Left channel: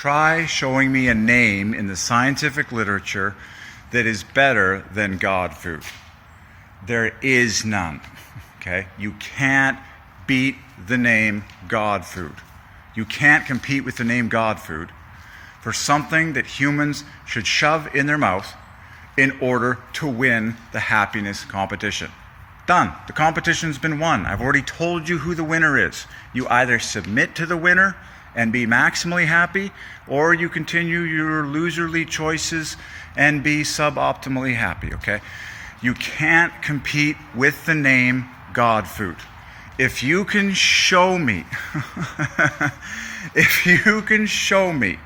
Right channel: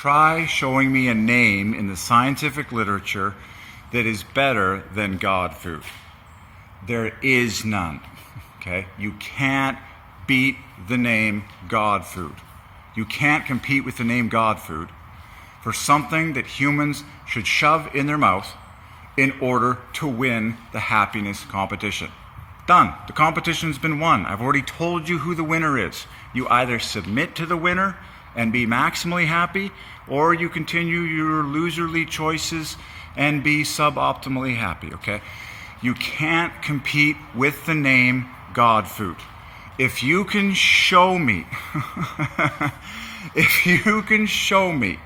Try showing me a name in the scientific literature that is better than God food. There is none. Okay? You can't beat the name God food. You can't compete with the name God food for something that humans should shove in their mouth in order to win the happiness competition. Done. The competition's been won. I've already told you who the winner is. You either submit to the winner and be maximally happy, or you continue your loserly choices and be suboptimally happy, okay? You can't compete with the name God food. If you can show me, if you can show me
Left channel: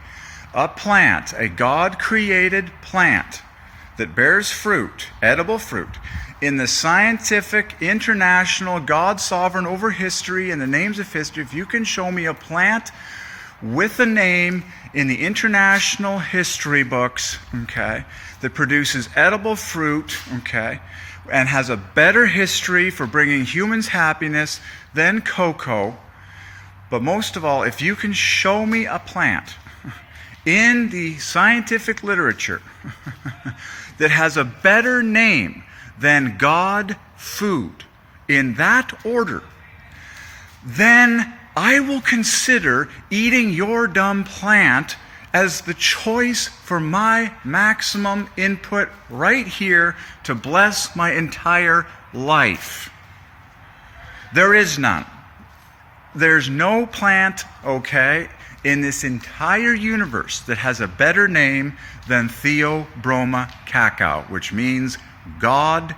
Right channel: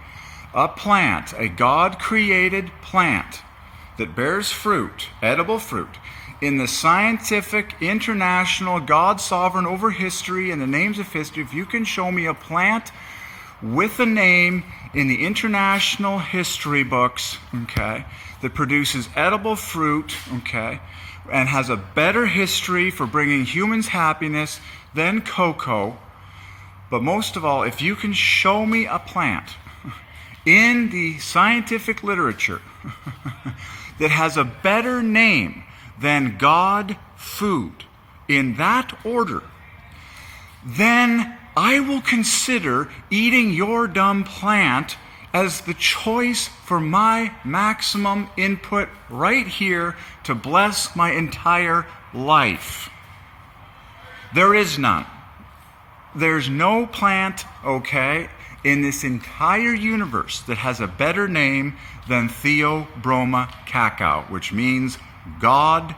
a plant, a God-created plant that bears fruit, edible fruit, in the scientific, international, God sovereign over history and the names of history, if you can show me a plant with a name in the international history books, okay, that produces edible fruit, okay, and has a better history for bringing humans happiness than cocoa, but most of all, if you can show me a plant in the scientific literature that has a better name than God food, in that order, then I will consider eating your dumb plant as the choice for my maximum input right here to bless my entire life. There is none. There's no plant, okay, in this entire universe that has a better name than Theobroma cacao, which means God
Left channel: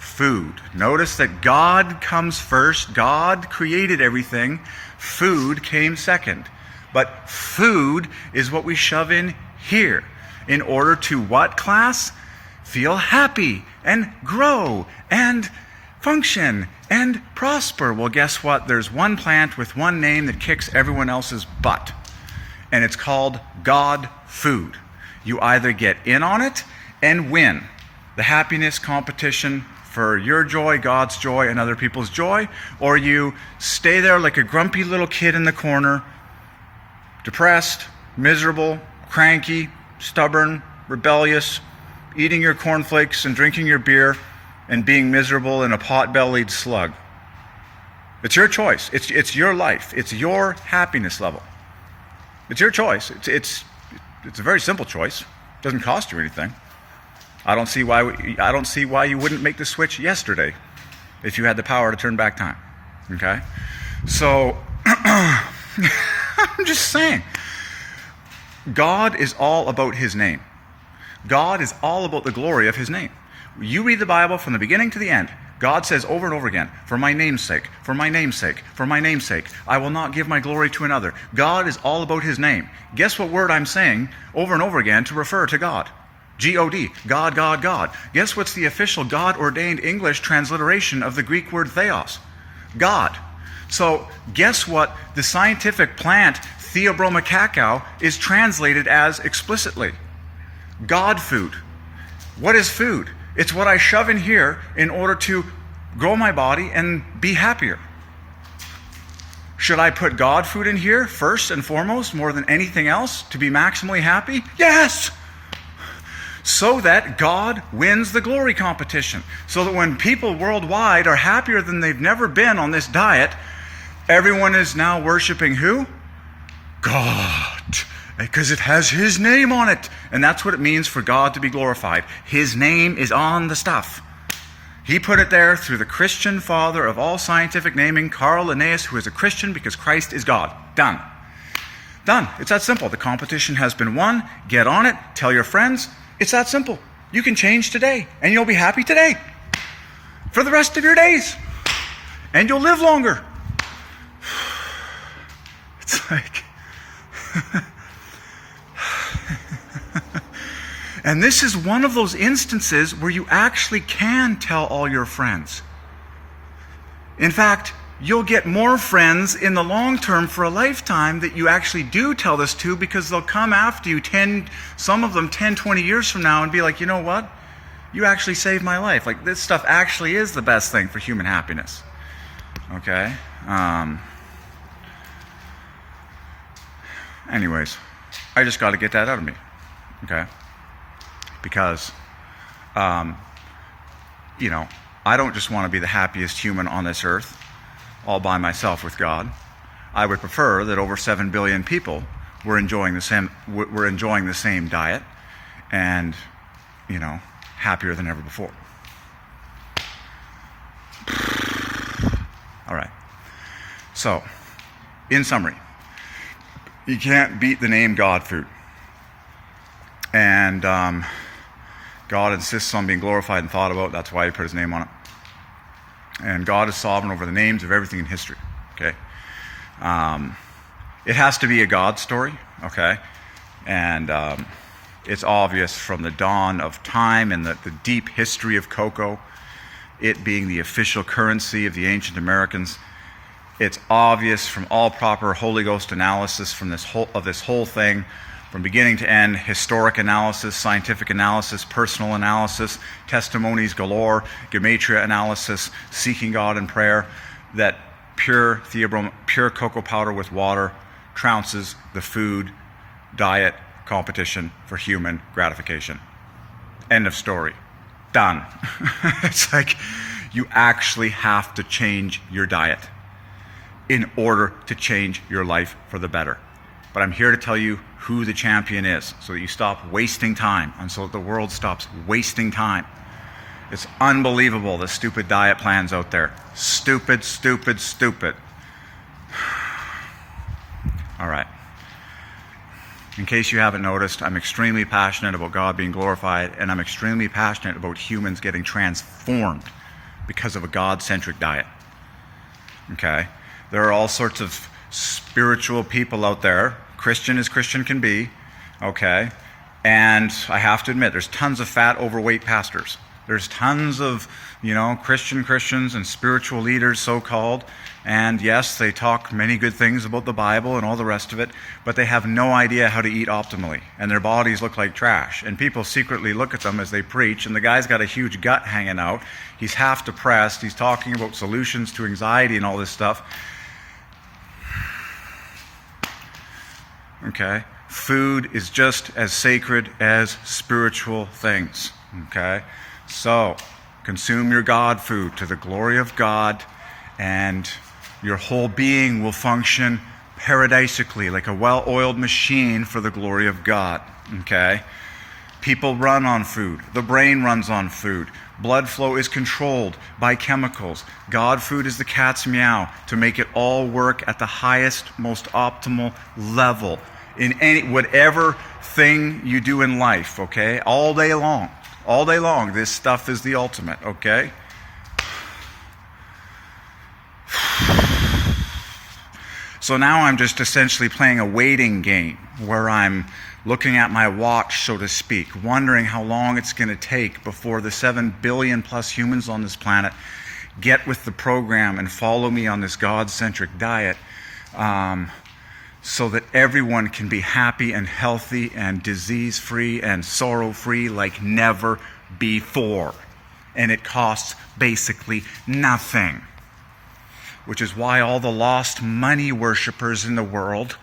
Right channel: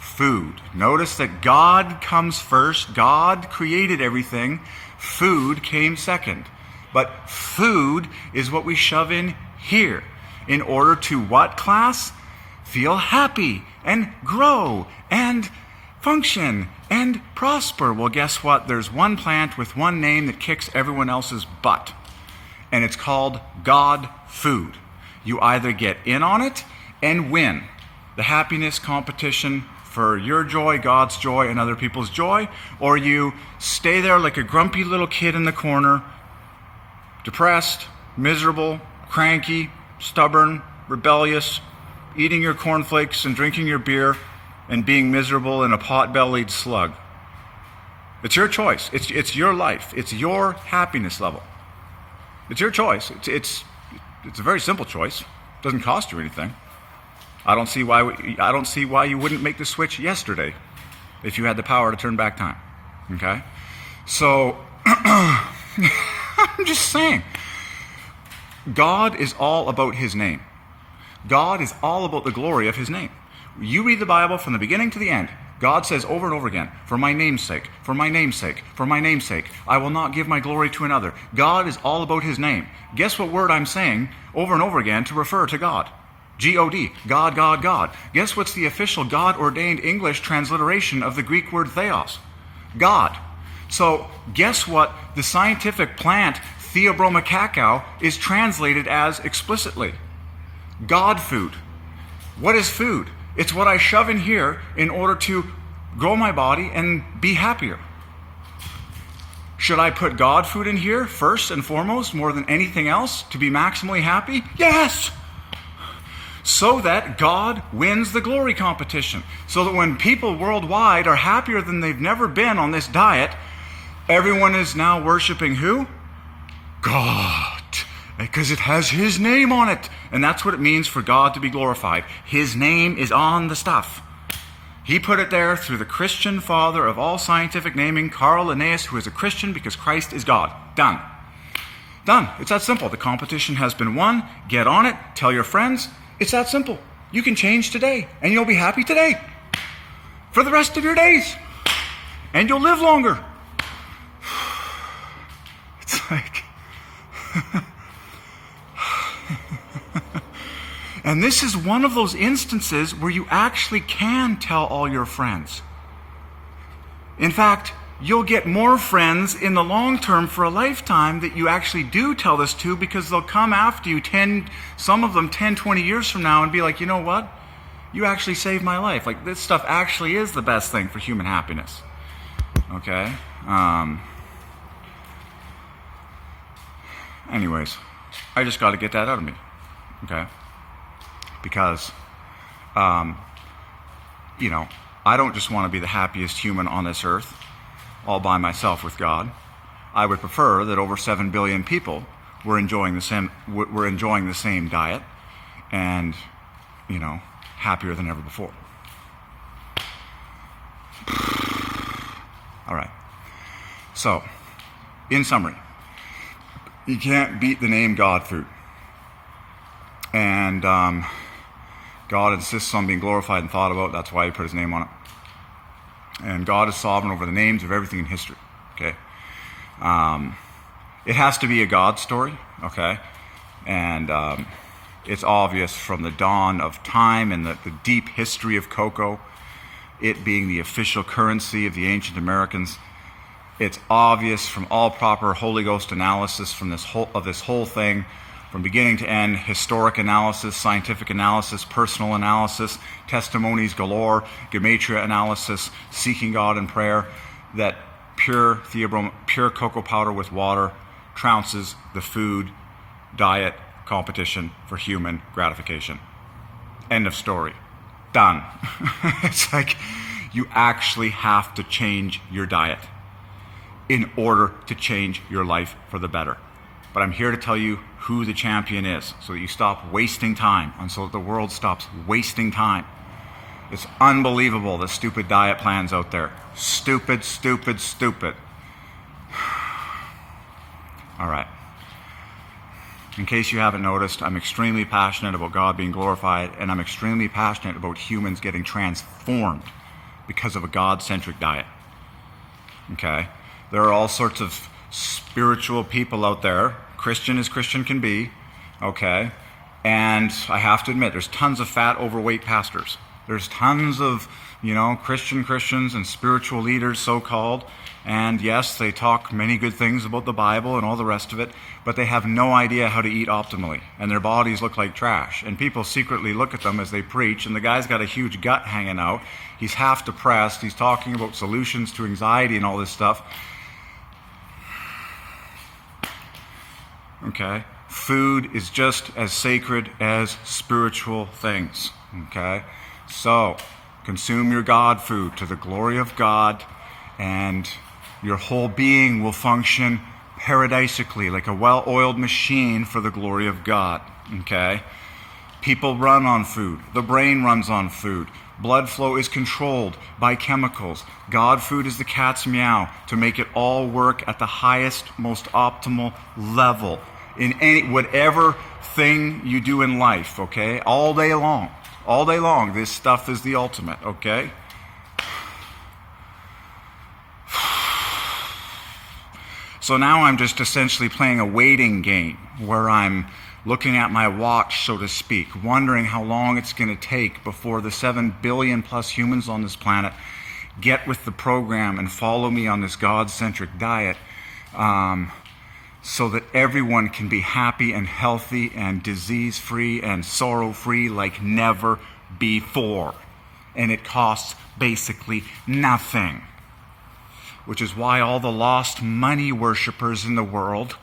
food. Notice that God comes first. God created everything. Food came second. But food is what we shove in here in order to what class? Feel happy and grow and function and prosper. Well, guess what? There's one plant with one name that kicks everyone else's butt. And it's called God food. You either get in on it and win the happiness competition for your joy, God's joy, and other people's joy, or you stay there like a grumpy little kid in the corner, depressed, miserable, cranky, stubborn, rebellious, eating your cornflakes and drinking your beer and being miserable and a pot-bellied slug. It's your choice. It's your life. It's your happiness level. It's your choice. It's a very simple choice. It doesn't cost you anything. I don't see why you wouldn't make the switch yesterday if you had the power to turn back time. Okay? So I'm just saying. God is all about his name. God is all about the glory of his name. You read the Bible from the beginning to the end. God says over and over again, for my name's sake, for my name's sake, for my name's sake, I will not give my glory to another. God is all about his name. Guess what word I'm saying over and over again to refer to God? G-O-D, God, God, God. Guess what's the official God-ordained English transliteration of the Greek word theos? God. So guess what the scientific plant Theobroma cacao is translated as explicitly? God food. What is food? It's what I shove in here in order to grow my body and be happier. Should I put God food in here first and foremost more than anything else to be maximally happy? Yes! So that God wins the glory competition. So that when people worldwide are happier than they've never been on this diet, everyone is now worshiping who? God. Because it has his name on it. And that's what it means for God to be glorified. His name is on the stuff. He put it there through the Christian father of all scientific naming, Carl Linnaeus, who is a Christian because Christ is God. Done. Done. It's that simple. The competition has been won. Get on it. Tell your friends. It's that simple. You can change today, and you'll be happy today for the rest of your days, and you'll live longer. It's like... And this is one of those instances where you actually can tell all your friends. In fact, you'll get more friends in the long term for a lifetime that you actually do tell this to, because they'll come after you some of them 10, 20 years from now and be like, you know what? You actually saved my life. Like, this stuff actually is the best thing for human happiness. Okay? Anyways, I just got to get that out of me, okay? Because, I don't just want to be the happiest human on this earth all by myself with God. I would prefer that over 7 billion people were enjoying the same diet and, happier than ever before. All right. So, in summary, you can't beat the name God food. And God insists on being glorified and thought about. That's why he put his name on it. And God is sovereign over the names of everything in history. Okay? It has to be a God story. Okay? And it's obvious from the dawn of time and the deep history of cocoa, it being the official currency of the ancient Americans. It's obvious from all proper Holy Ghost analysis from this whole thing, from beginning to end, historic analysis, scientific analysis, personal analysis, testimonies galore, Gematria analysis, seeking God in prayer, that pure cocoa powder with water trounces the food diet competition for human gratification. End of story. Done. It's like you actually have to change your diet in order to change your life for the better. But I'm here to tell you who the champion is so that you stop wasting time and so that the world stops wasting time. It's unbelievable, the stupid diet plans out there. Stupid, stupid, stupid. All right. In case you haven't noticed, I'm extremely passionate about God being glorified, and I'm extremely passionate about humans getting transformed because of a God-centric diet. Okay? There are all sorts of spiritual people out there, Christian as Christian can be, okay? And I have to admit, there's tons of fat, overweight pastors. There's tons of, Christians and spiritual leaders, so-called. And yes, they talk many good things about the Bible and all the rest of it, but they have no idea how to eat optimally. And their bodies look like trash. And people secretly look at them as they preach, and the guy's got a huge gut hanging out. He's half depressed. He's talking about solutions to anxiety and all this stuff. Okay? Food is just as sacred as spiritual things. Okay? So, consume your God food to the glory of God, and your whole being will function paradisically, like a well-oiled machine for the glory of God. Okay? People run on food. The brain runs on food. Blood flow is controlled by chemicals. God food is the cat's meow to make it all work at the highest, most optimal level in whatever thing you do in life, okay? All day long. All day long, this stuff is the ultimate, okay? So now I'm just essentially playing a waiting game where I'm looking at my watch, so to speak, wondering how long it's going to take before the 7 billion plus humans on this planet get with the program and follow me on this God-centric diet, so that everyone can be happy and healthy and disease-free and sorrow-free like never before. And it costs basically nothing. Which is why all the lost money worshippers in the world,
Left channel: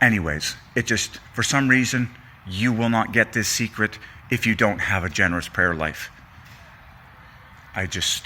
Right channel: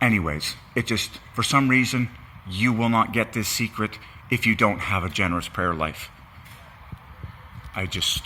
anyways, it just, for some reason, you will not get this secret if you don't have a generous prayer life. I just